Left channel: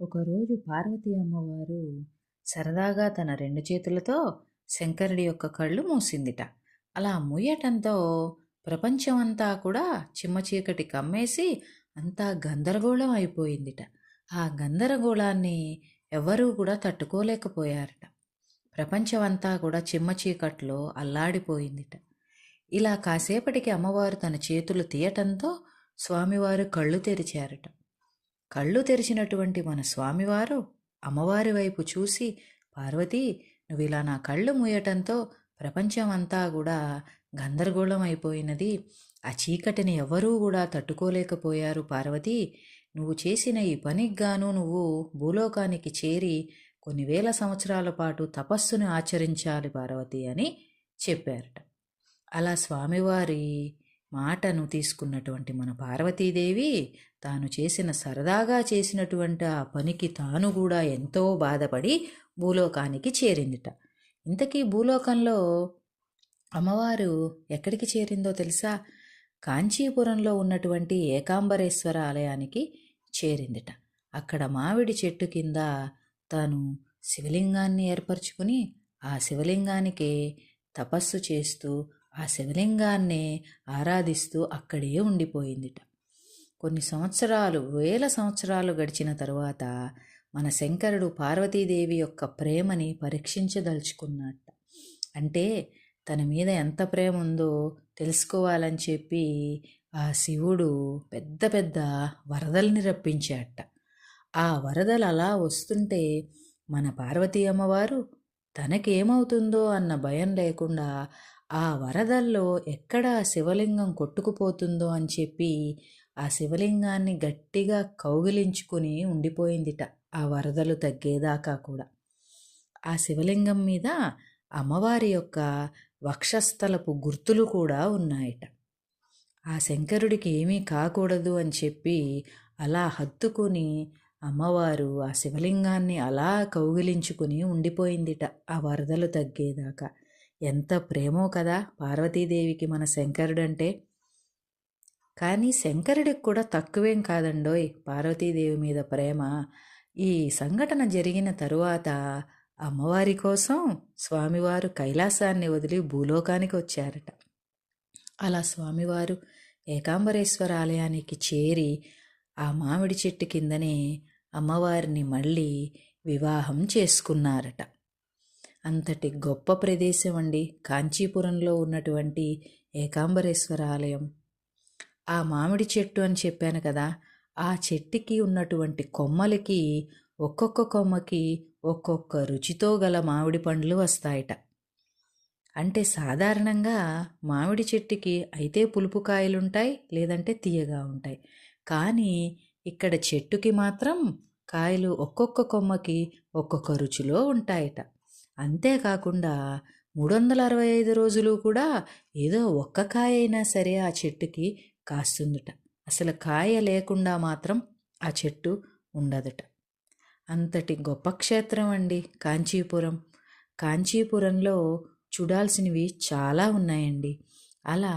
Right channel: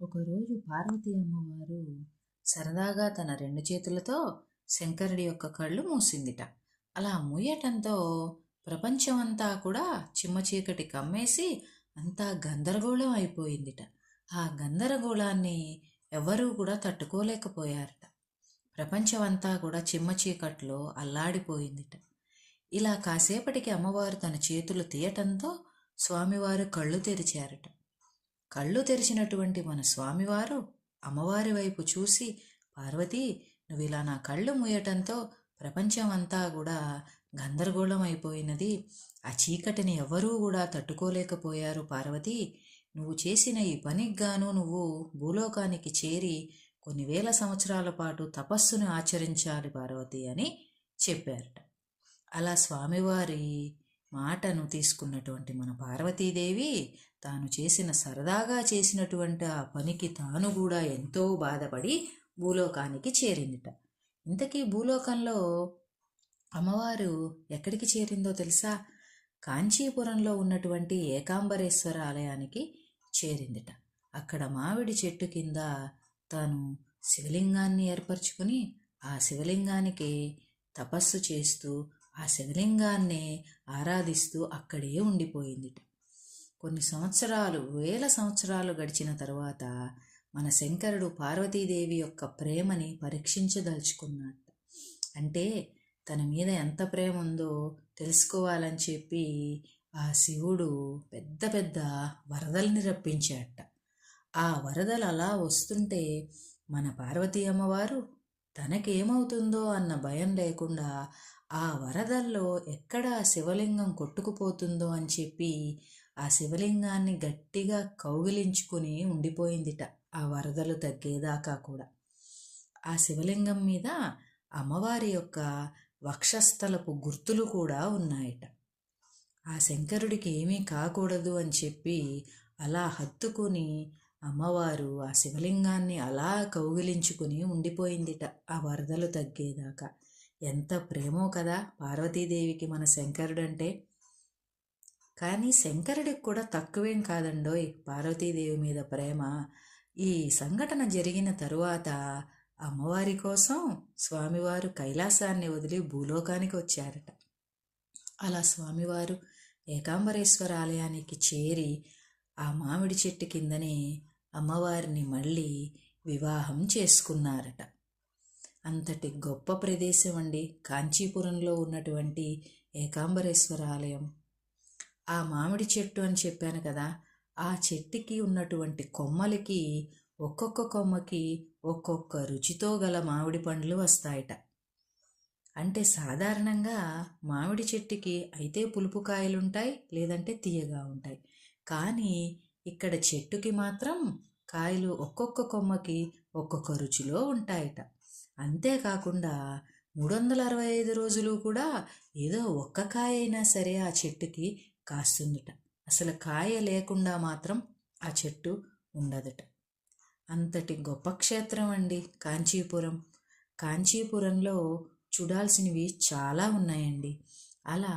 ఒకరోజు పార్వతీ అమ్మవారు సరదాగా తన రెండు చేతులతో శంకరుడి యొక్క కళ్ళు మూసిందిట. అలా మూయటంతో ప్రపంచమంతా కూడా చిమ్మ చీకటి కమ్మేసి అంతా గందరగోళం అయిపోయిందిట. ఆ గందరగోళాన్ని ఎవరూ కూడా తట్టుకోలేకపోయారట. ప్రపంచమంతా కూడా చిమ్మ చీకట్లో అల్లాడిపోయిందిట. ఇలా కాసేపటికి అమ్మవారు తన చేతులు తీయటంతో స్వామివారు కళ్ళు తెరిచారట. కళ్ళు తెరిచినటువంటి మన స్వామివారు అమ్మవారి వైపు చూసి, పార్వతీ, నువ్వు ఇలా నా కళ్ళు మూయటంతో ప్రపంచం అంతా కూడా గందరగోళం అయిపోయినది. ఆ చీకటిని ఎవరూ కూడా తట్టుకోలేకపోయారు పార్వతీ. నువ్వు చేసిన ఈ పనికి గాను నువ్వు భూలోకానికి చేరి కొన్ని వేల సంవత్సరాల పాటు తపస్సును ఆచరించాలి పార్వతీ అని చెప్పారట. అలా స్వామివారి మాటను తీసుకున్నటువంటి మన పార్వతీదేవి తాను సరదాగా చేసినటువంటి ఆ పనికి తాను కూడా ఎంతో బాధపడి భూలోకానికి చేరిందిట. ఇంతకీ భూలోకంలో అమ్మవారు ఎక్కడికి చేరిందో తెలుసా? కాంచీపురంలో ఉన్నటువంటి ఏకాంబరేశ్వర ఆలయానికి చేరిందిట. అక్కడ మామిడి చెట్టు కింద తాను శివలింగాన్ని ఏర్పరచుకుని ఆ శివలింగానికి తపస్సు చేస్తూ ఆ శివలింగాన్ని ఆరాధిస్తూ అక్కడే ఉండిపోయిందిట. కొన్ని సంవత్సరాలు, వేల సంవత్సరాలు గడిచిన తరువాత మన శంకరుడు పార్వతీదేవి యొక్క ప్రేమని పరీక్షించదలుచుకున్నట్ట. అంటే తన మీద ఎంత ప్రేమ ఉందో తెలుసుకోవాలని చెప్పి ఆ శివుడు పెద్ద పెద్ద వరదల్ని రప్పించాట. ఆ వరదలు అలా వస్తుంటే మన పార్వతీ అమ్మవారు తనకేమవుతుందో అన్న భయం లేకుండా ఆ వరదల్లో ఎక్కడ శివలింగం కొట్టుకుపోతుందో అని చెప్పి ఆ శివలింగాన్ని గట్టిగా కౌగిలించుకుని ఉండిపోయిందిట ఆ వరదలు తగ్గేదాకా కూడా. ఆ శివలింగం మీద అమ్మవారి యొక్క వక్షస్థలపు గుర్తులు కూడా ఉన్నాయట. ఆ శంకరుడికి ఏమీ కాకూడదు అని చెప్పి అలా హత్తుకుని అమ్మవారు ఆ శివలింగాన్ని అలా కౌగిలించుకుని ఉండిపోయిందిట ఆ వరదలు తగ్గేదాకా. ఎంత ప్రేమో కదా పార్వతీదేవికి మన శంకరుడంటే. కానీ శంకరుడికి కూడా తక్కువేం కాదండోయ్ పార్వతీదేవి మీద ప్రేమ. ఈ సంఘటన జరిగిన తరువాత అమ్మవారి కోసం స్వామివారు కైలాసాన్ని వదిలి భూలోకానికి వచ్చారట. అలా స్వామివారు ఏకాంబరేశ్వర ఆలయానికి చేరి ఆ మామిడి చెట్టు కిందనే అమ్మవారిని మళ్ళీ వివాహం చేసుకున్నారట. అంతటి గొప్ప ప్రదేశం అండి కాంచీపురంలో ఉన్నటువంటి ఏకాంబరేశ్వర ఆలయం. ఆ మామిడి చెట్టు అని చెప్పాను కదా, ఆ చెట్టుకి ఉన్నటువంటి కొమ్మలకి ఒక్కొక్క కొమ్మకి ఒక్కొక్క రుచితో గల మామిడి పండ్లు వస్తాయట. అంటే సాధారణంగా మామిడి చెట్టుకి అయితే పులుపు కాయలుంటాయి, లేదంటే తీయగా ఉంటాయి. కానీ ఇక్కడ చెట్టుకి మాత్రం కాయలు ఒక్కొక్క కొమ్మకి ఒక్కొక్క రుచిలో ఉంటాయట. అంతేకాకుండా 365 రోజులు కూడా ఏదో ఒక్క కాయ అయినా సరే ఆ చెట్టుకి కాస్తుందట. అసలు కాయ లేకుండా మాత్రం ఆ చెట్టు ఉండదట. అంతటి గొప్ప క్షేత్రం అండి కాంచీపురం. కాంచీపురంలో చూడాల్సినవి చాలా ఉన్నాయండి. అలా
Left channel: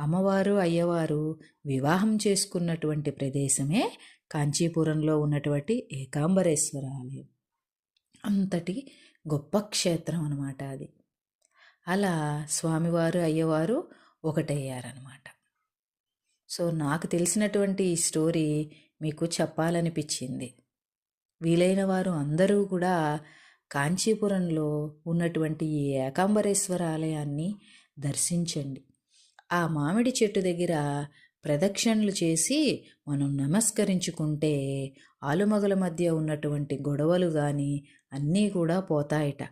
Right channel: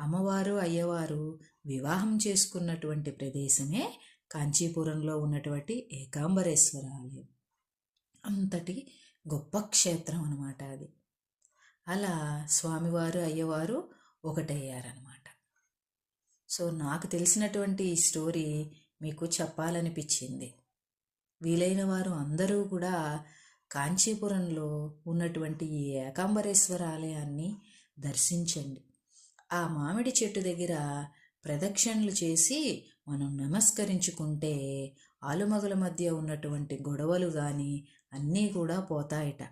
అమ్మవారు అయ్యవారు వివాహం చేసుకున్నటువంటి ప్రదేశమే కాంచీపురంలో ఉన్నటువంటి ఏకాంబరేశ్వర ఆలయం. అంతటి గొప్ప క్షేత్రం అన్నమాట అది. అలా స్వామివారు అయ్యవారు ఒకటయ్యారనమాట. సో నాకు తెలిసినటువంటి ఈ స్టోరీ మీకు చెప్పాలనిపించింది. వీలైన వారు అందరూ కూడా కాంచీపురంలో ఉన్నటువంటి ఈ ఏకాంబరేశ్వర ఆలయాన్ని దర్శించండి. ఆ మామిడి చెట్టు దగ్గర ప్రదక్షిణలు చేసి మనం నమస్కరించుకుంటే ఆలుమగల మధ్య ఉన్నటువంటి గొడవలు కానీ అన్నీ కూడా పోతాయట.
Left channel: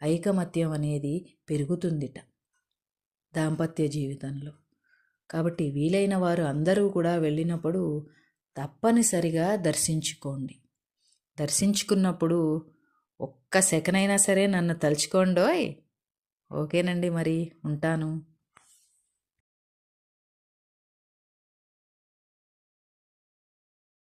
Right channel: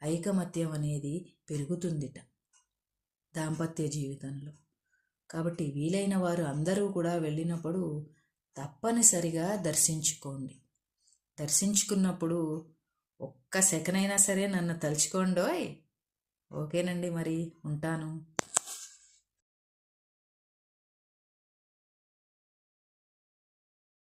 ఐకమత్యం అనేది పెరుగుతుందిట దాంపత్య జీవితంలో. కాబట్టి వీలైన వారు అందరూ కూడా వెళ్ళినప్పుడు తప్పనిసరిగా దర్శించుకోండి. దర్శించుకున్నప్పుడు ఒక్క సెకనైనా సరే నన్ను తలుచుకోండోయ్. ఓకేనండి, మరి ఉంటాను.